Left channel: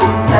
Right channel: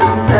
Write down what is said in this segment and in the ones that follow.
Yeah.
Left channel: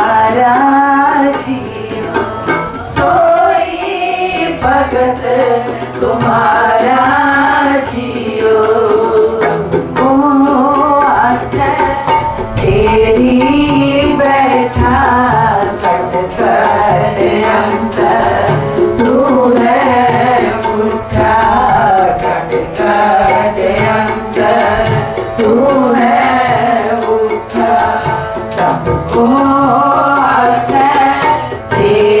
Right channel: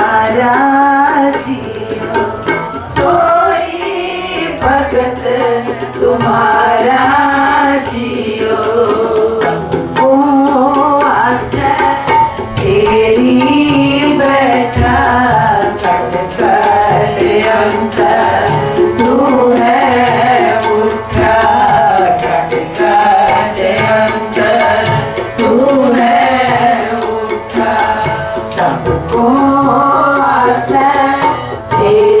Amén.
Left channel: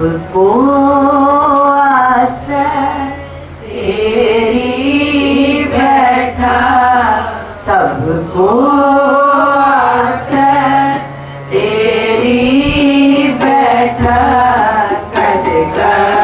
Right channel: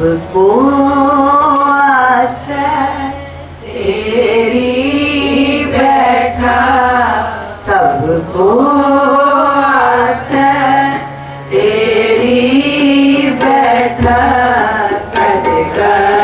मुझको तेरी बैठा सबको तेरी बैठा कट